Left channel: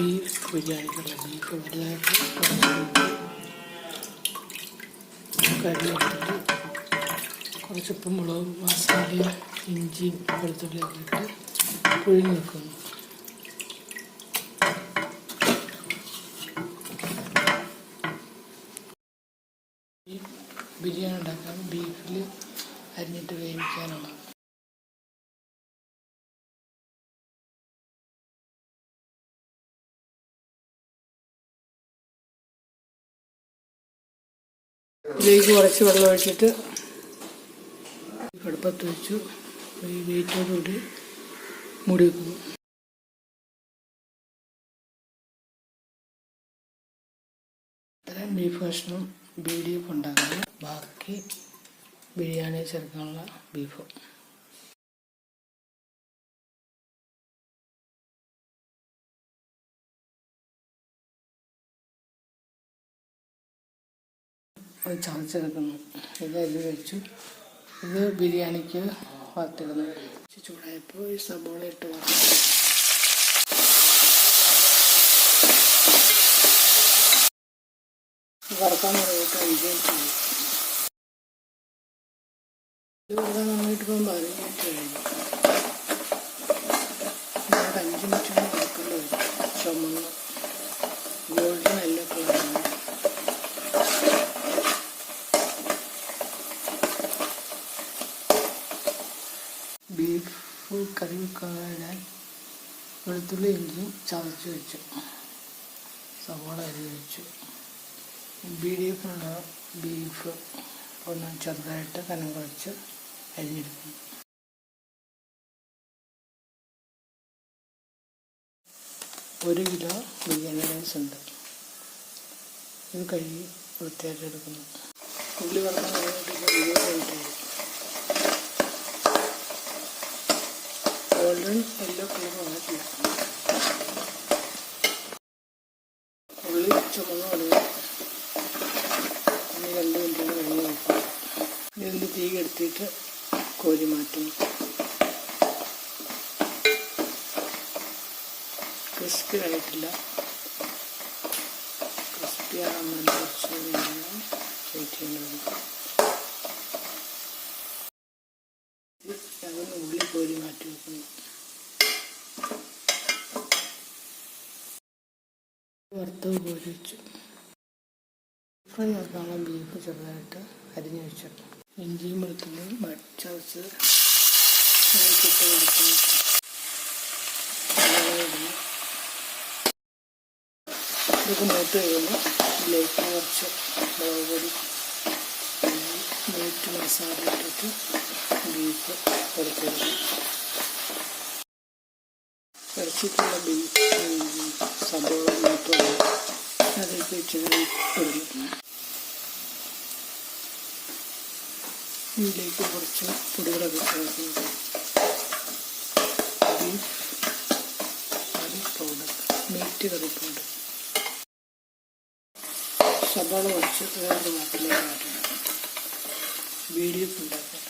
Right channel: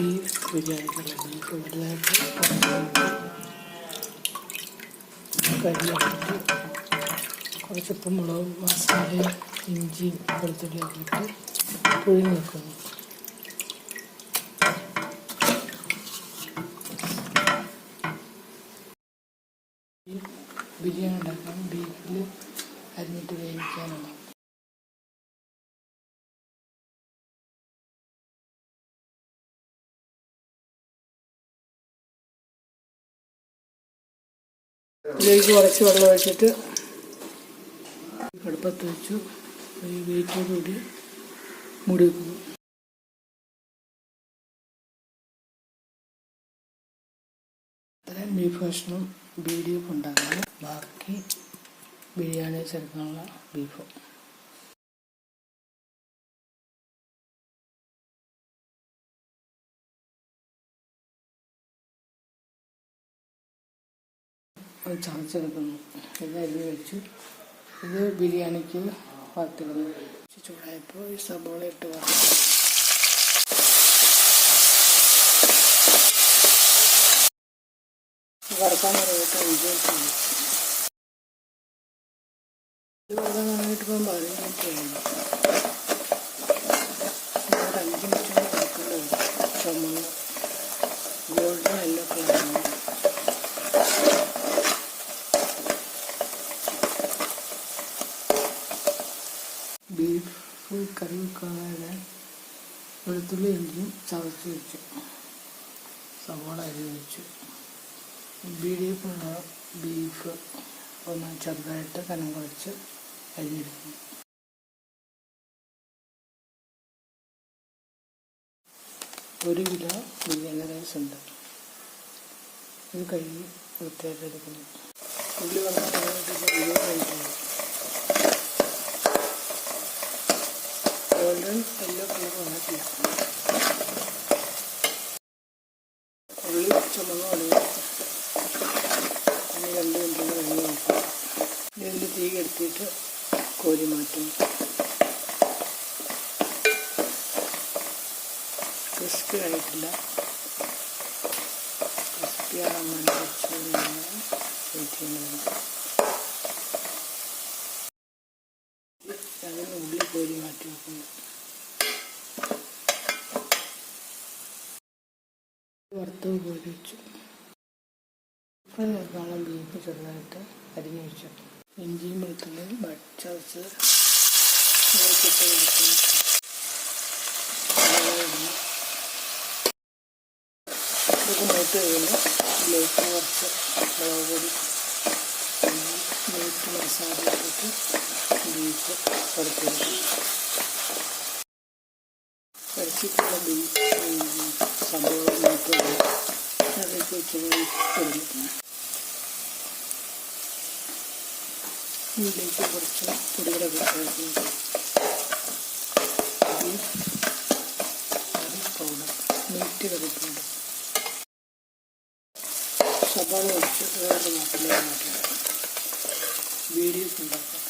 Beef ബിരിയാണിക്കുള്ള beef വലുതായിട്ട് കറിയാക്കിയിട്ട് കുറച്ച് ഉപ്പും മുളകും മസാലയും ഇഞ്ചിയും വെളുത്തുള്ളിയൊക്കെ ഇട്ട് പുഴുങ്ങി വെക്കുന്നു. ബിരിയാണി ഉണ്ടാക്കാൻ ബീഫിൽ അരിഞ്ഞിട്ട് വേവിക്കാനുള്ള ഇതിലേക്ക് കുറച്ച് വെള്ളം ഒഴിച്ചിട്ട് അടുപ്പത്ത് വെച്ചു ഈ വെയിറ്റോടുകൂടി മൂടി വെക്കുന്നു. ഇത്രയും ബീഫ് കഷ്ണം BDF ഉണ്ടാക്കണം. ബാക്കി ബിരിയാണി ചേർക്കാനുള്ള ബീഫ്. അത് ചതച്ചെടുക്കുന്നു. ഇത് അരി വെച്ചു. ഇത് ബിരിയാണിക്ക് വറുത്തിടുന്നു. ചൂടായപ്പോൾ ഈ സബോള ഇട്ട് വറുത്തു. വറുക്കാൻ തുടങ്ങിയിട്ട് 5 മിനിറ്റ് കഴിഞ്ഞു. ഇത് വറുക്കാൻ തുടങ്ങിയിട്ട് ഇപ്പം 15 മിനിറ്റ് കഴിഞ്ഞു. 5 മിനിറ്റ് വറുക്കേണ്ടി വരും. ചുമന്ന് ഗോൾഡൻ യെല്ലോ കളറാണ്. ബീഫ് കറി വെക്കാനിടാൻ വെളുത്തുള്ളി ഇഞ്ചിയും ചതച്ച് വെച്ചു. സവാള അരിഞ്ഞ് വെച്ചു. BDFനുള്ള ബീഫ് ഒന്ന് ചെറുതായിട്ട് കനം കുറച്ച് അരിഞ്ഞെടുക്കുന്നു. ഒരു കിലോ ബിരിയാണി റൈസ് ഉണ്ട്. ഇത് കഴുകി വൃത്തിയായിട്ട് എടുക്കുന്നു. ഉള്ളി വറുക്കാൻ തുടങ്ങിയിട്ട് 20 മിനിറ്റായി. ഗോൾഡൻ യെല്ലോ കളർ വന്നിട്ടില്ല. ഉള്ളി ചുമന്ന് തുടങ്ങി. 2 മിനിറ്റ് കഴിഞ്ഞ് നോക്കാം. ഇതിൻ്റെ തീ കെടുത്തിയിട്ട് കോരി മാറ്റുന്നു. ക്രിസ്പി ആയിട്ടില്ല. ക്രിസ്പിയാണെന്ന് കുറച്ച് വെയിറ്റ് ചെയ്യേണ്ടതുണ്ട്. അതിന് ഉള്ളി കോരി മാറ്റി വെക്കുന്നു. വറുത്തത് കോരി വെച്ചു. ഫ്രൈ ചേർക്കാനുള്ള ബീഫ് ചെറുതായിട്ട് അരിഞ്ഞു വെച്ചു. ഇഞ്ചിയും വെളുത്തുള്ളിയും ചതച്ച് ഇട്ട് കൊടുക്കുന്നു. ഇതൊക്കെ മൂത്ത് കഴിയുമ്പോൾ ഇതിലേക്ക് കുറച്ച് മുളക് പൊടി മീറ്റ് മസാല ഇട്ടിട്ട് ബീഫ് കുറച്ചിടുന്നു. കുറച്ചിട്ടുള്ള ബീഫ് സബോള മൂത്തുള്ളി അതിലേക്ക് വെച്ചത് ഇടുന്നു. ഇതിലേക്ക് കുറച്ച് പൊടികളൊക്കെ ചേർക്കുന്നു. Beef curry powder, meat curry powder. സബോള കുറച്ച് വേറൊരു പാട്ടിലേക്ക് മാറ്റണം. BDF ഉണ്ടാക്കാം.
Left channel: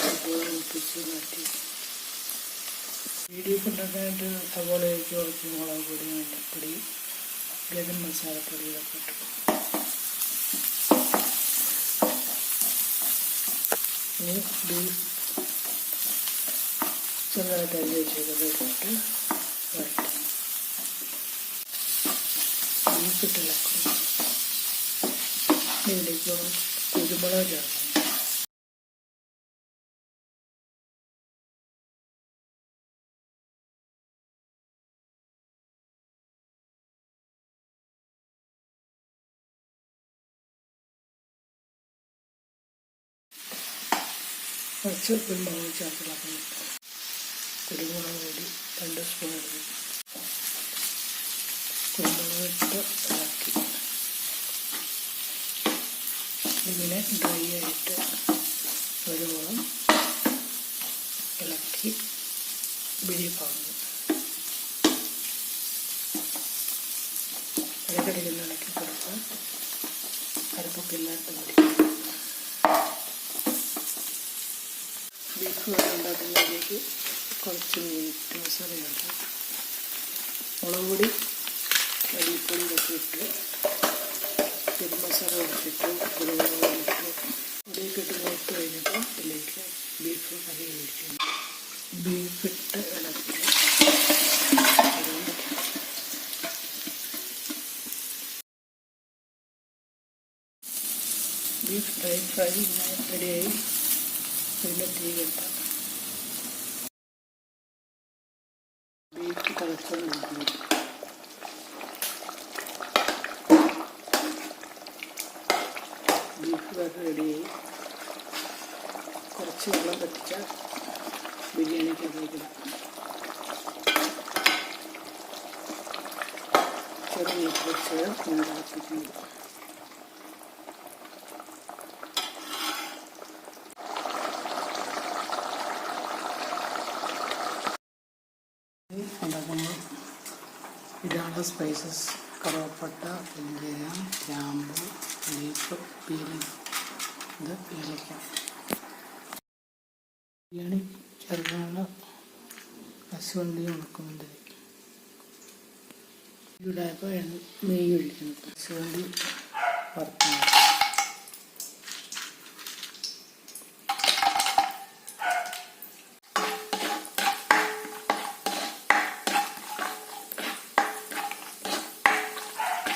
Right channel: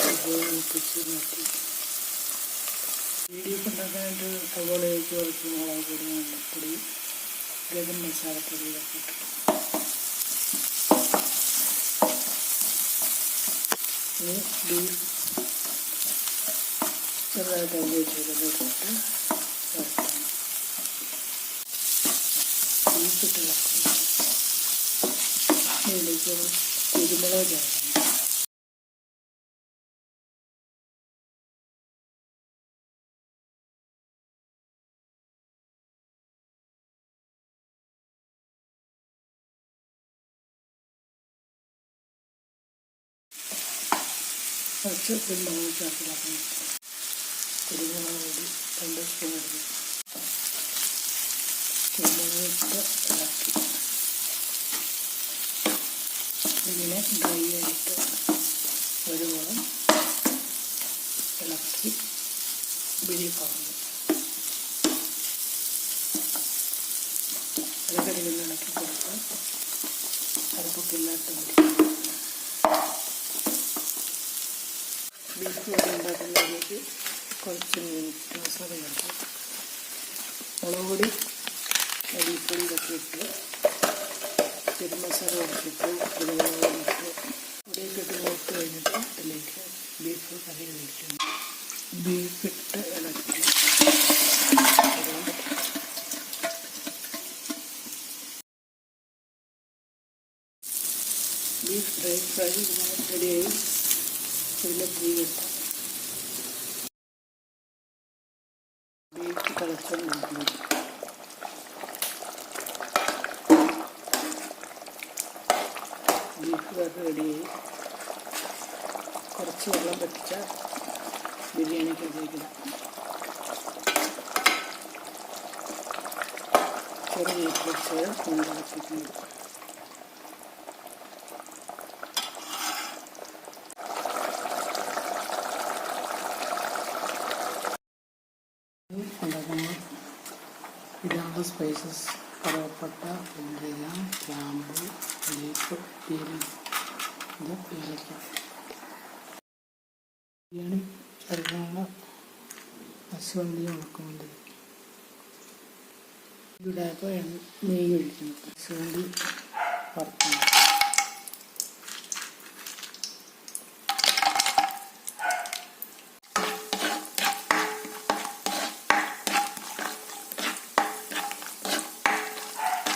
സബോള മുപ്പിച്ച് മാറ്റി. BDF ഉണ്ടാക്കാനായിട്ട് സബോളയിലേക്ക് കുറച്ച് മുളക് പൊടി, മല്ലിപ്പൊടി, ഗരം മസാലപ്പൊടി ഇതൊക്കെ ഇട്ടു. ഇനി ബീഫ് ചെറുതായിട്ട് അരിഞ്ഞ് വെച്ചേക്കുന്നത് ഇട്ടിട്ട് വരട്ടാം. ബീഫ് ഇട്ടിളക്കുന്നു. ഇതിലേക്ക് കുരുമുളക് ചേർക്കണം. കുറച്ച് കുരുമുളക് ചേർത്തിളക്കുന്നു. കുരുമുളക് പൊടി 2 സ്പൂൺ ഇടുന്നു. കുരുമുളക് ഇട്ട് ഇളക്കി ഇങ്ങനെ ഡ്രൈ ആയിട്ട് വരുവോളം ഇളക്കി ബീഫാകുന്നു. ഇടയ്ക്കിടയ്ക്ക് ഇളക്കി കൊടുക്കാൻ അരപ്പൊക്കെ ഇല്ലാത്ത പിടിക്കും. ബീഫ് കറി ഉണ്ടാക്കുന്നതിലേക്ക് കുറച്ച് മീറ്റ് മസാല ചേർക്കും. മുളക് പൊടി മല്ലിപ്പൊടി ഇതൊക്കെ ഇട്ട് ഗരം മസാല കുറച്ചിട്ട് കുരുമുളക് പൊടി ഇട്ട് പൊടിയൊക്കെ ഇട്ട് മൂത്ത് കഴിഞ്ഞപ്പോൾ അതിലേക്ക് ബീഫ് കറി ഒഴിക്കുന്നു. ബീഫിട്ട് ഇളക്കി ബീഫ് ഡ്രൈ ഫ്രൈ റെഡിയായി. ഇതിൻ്റെ തീ കെട്ടാം. ബീഫ് തിളച്ചുകൊണ്ടിരിക്കുന്നു. ബീഫ് കറി റെഡിയായി. കുറച്ച് വെള്ളം പറ്റിച്ച ബിരിയാണിക്കകത്തേക്ക് ചെറിയ വെച്ച് തിളപ്പിക്കുന്നു. ഉണ്ടാക്കുമ്പോൾ ഇടാനുള്ള സ്പൈസസ് കറുവപ്പട്ട, പെരുംജീരകം, ഗ്രാമ്പു, ലീഫ്, ഇത് ഏലക്ക. ബിരിയാണി ചേർക്കാനുള്ള കശുവണ്ടി, ഉണക്കമുന്തിരി. ഇവിടെ ഇപ്പോൾ നെയ്യ് ഒഴിക്കണം. കശുവണ്ടി വറുക്കണം.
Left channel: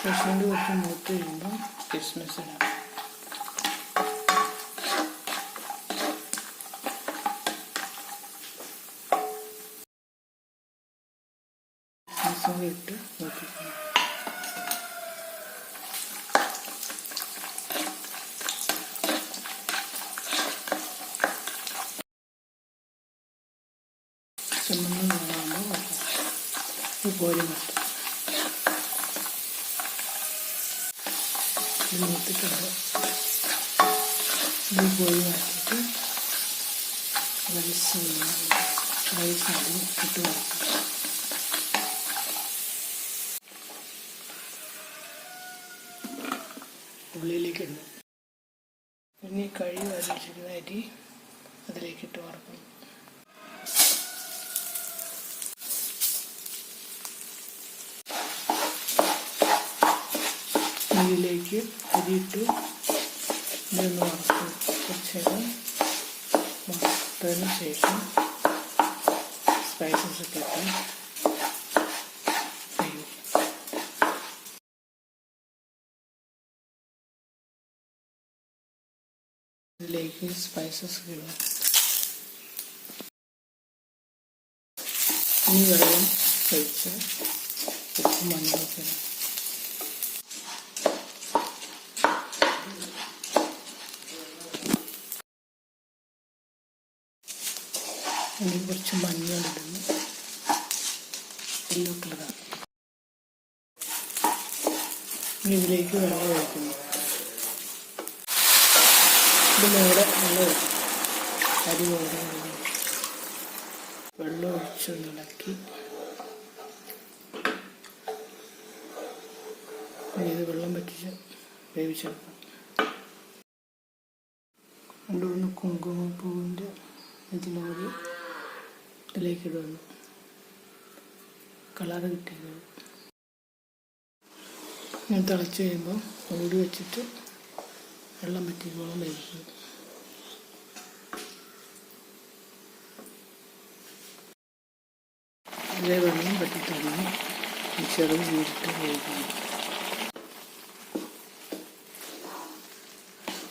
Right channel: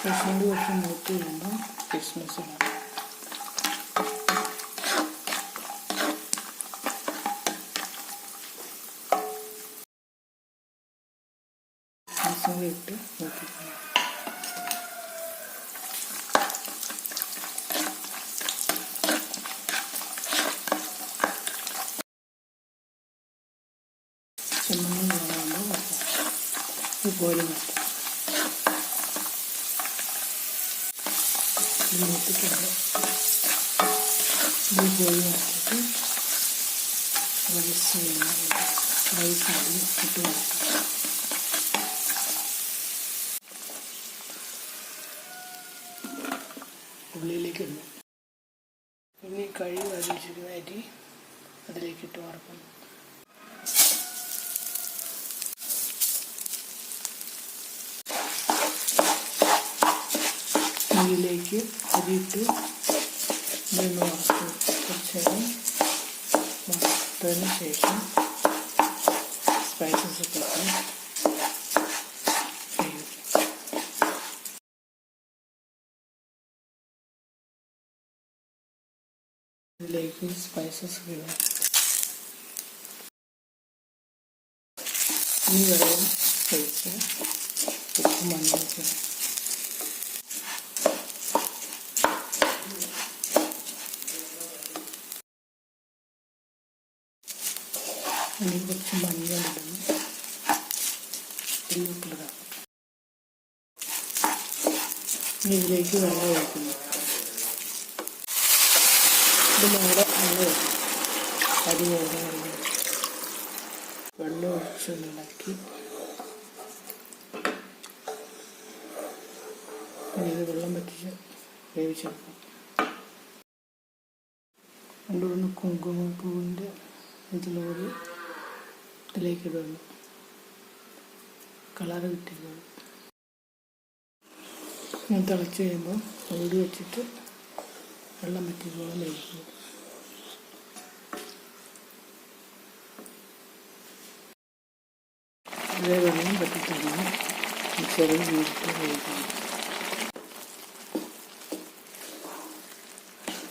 കശുവണ്ടി കുറച്ച് മൂത്ത് കഴിയുമ്പം കിസ്മിസ് ഇടാം. കിസ്മിസും ഇട്ട് മൂപ്പിക്കണം. ചുമന്ന നിറമാകുമ്പോൾ ഇത് കോരി മാറ്റാം. ഇത് മൂത്തിട്ടുണ്ട്. ഇത് കോരി മാറ്റിയിട്ട് റൈസ് ആദ്യം ഇട്ട് വറക്കാം. ഉള്ളിലേക്ക് ഇടുന്നു. പിന്നെ കഴുകി വരച്ചിരിക്കുന്ന അരി അതിലേക്ക് ഇട്ട് വറക്കുന്നു. നെയ്യിലേക്ക് അരിയിട്ട് ഇതൊന്ന് വറുക്കും. കുറച്ച് നേരം വറുത്തതിന് ശേഷം സ്പൈസസ് ഒക്കെ ഇട്ട് ഇതിലേക്ക് സ്പൈസസ് ഇടുക. ഇനി വെള്ളം ഒഴിച്ച് ഉപ്പ് മഞ്ഞളൊക്കെ ഇടാം. ഇനി കുറച്ച് മഞ്ഞളിടുന്നു. യെല്ലോ കളറാണ്. ഇതിലേക്ക് വെള്ളം ഒഴിക്കുന്നു. ഇത് മേടെ വെള്ളം ഒഴിക്കും. അരി മേടെ വെള്ളം ഒഴിച്ചൊന്നിളക്കി ഇത് വെള്ളം പറ്റിച്ച് വേവിച്ചെടുക്കും. കൊണ്ടുവന്ന് കുങ്കുമപ്പൂവിൻ്റെ ഇതിലൂടെ ഇതിലേക്ക് ഇടുന്നു. കളറ് കിട്ടിക്കോളും. ഞാൻ തിളച്ച് കഴിയുമ്പോൾ മൂടി വെച്ചിട്ട് വെള്ളം പറ്റിക്കോളം വേവിക്കും. ഇതിലെ വെള്ളം പറ്റിത്തന്നെ ചെറു വീട്ടിട്ട് വേവിക്കുന്നു.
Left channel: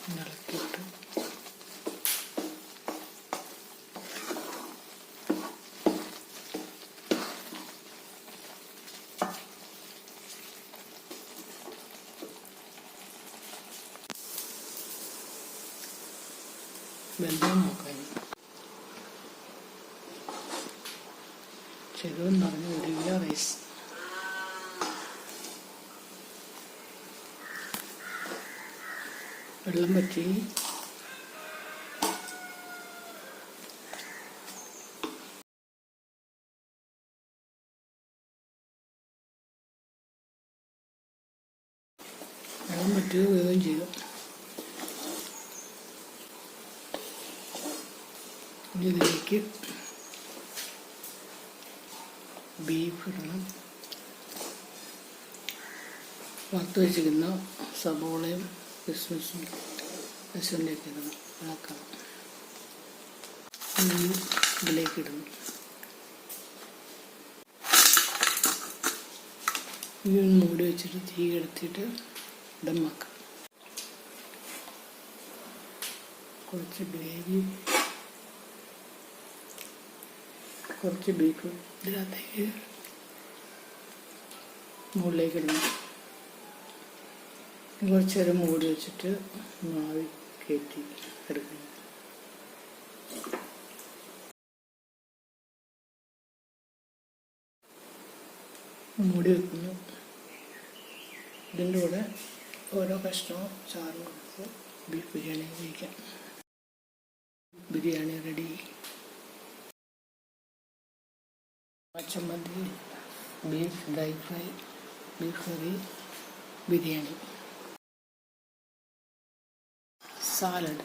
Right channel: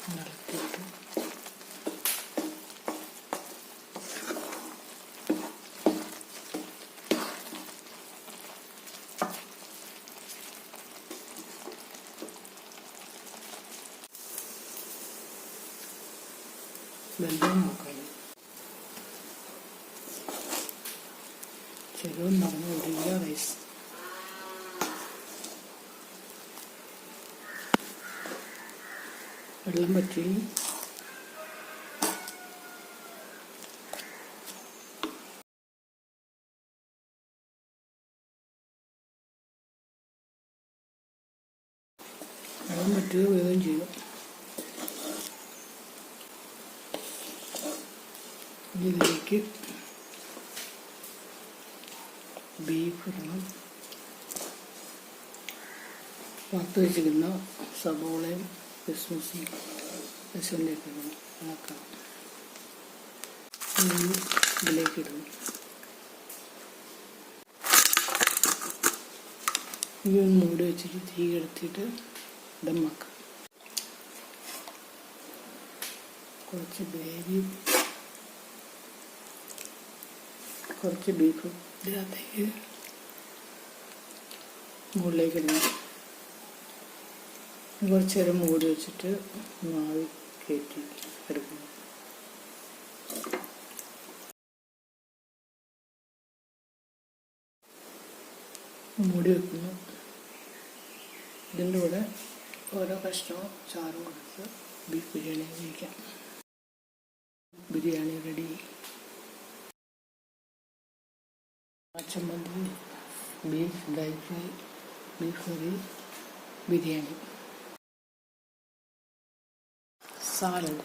ഇളക്കിയിട്ട് വെള്ളം നോക്കാൻ ചെറുതും നിറഞ്ഞ 1 കിലോ റൈസ്. വെള്ളം പറ്റി വെള്ളം പറ്റുക വേഗം ചെയ്തു. ഇതിലേക്ക് ബീഫ് ഇടണം. വറുത്ത് വെച്ചിരിക്കുന്ന സബോളയും കിസ്മിസും കശുവണ്ടിയൊക്കെ ഇടണം, ഇളക്കാം. ഇതിലേക്ക് ഇടുന്നു. ഈ മൂടി വെച്ചിട്ട് തീ കെടുത്തിട്ട് ദമ്മാക്കാം. കുറച്ച് ഗ്രേവി, കുറച്ച് ബീഫും ഇതിനകത്തേക്ക് മുകളിലേക്ക് ഇടണം. കുറച്ച് നേരം മൂടി വെച്ചിട്ട് ആവി കയറ്റി എടുക്കണം. മൂടി വെക്കുന്നു. ഇതിൻ്റെ കൂടെ ഓരോ കഷ്ണവും ചാറും കൊടുത്ത് ബീഫ് ബിരിയാണി കഴിക്കാം. ബിരിയാണി റെഡി. ചമ്മന്തി, ബീഫ് ഡ്രൈ ഫ്രൈ, ബീഫ് കറി, ബിരിയാണി, സാലഡ്.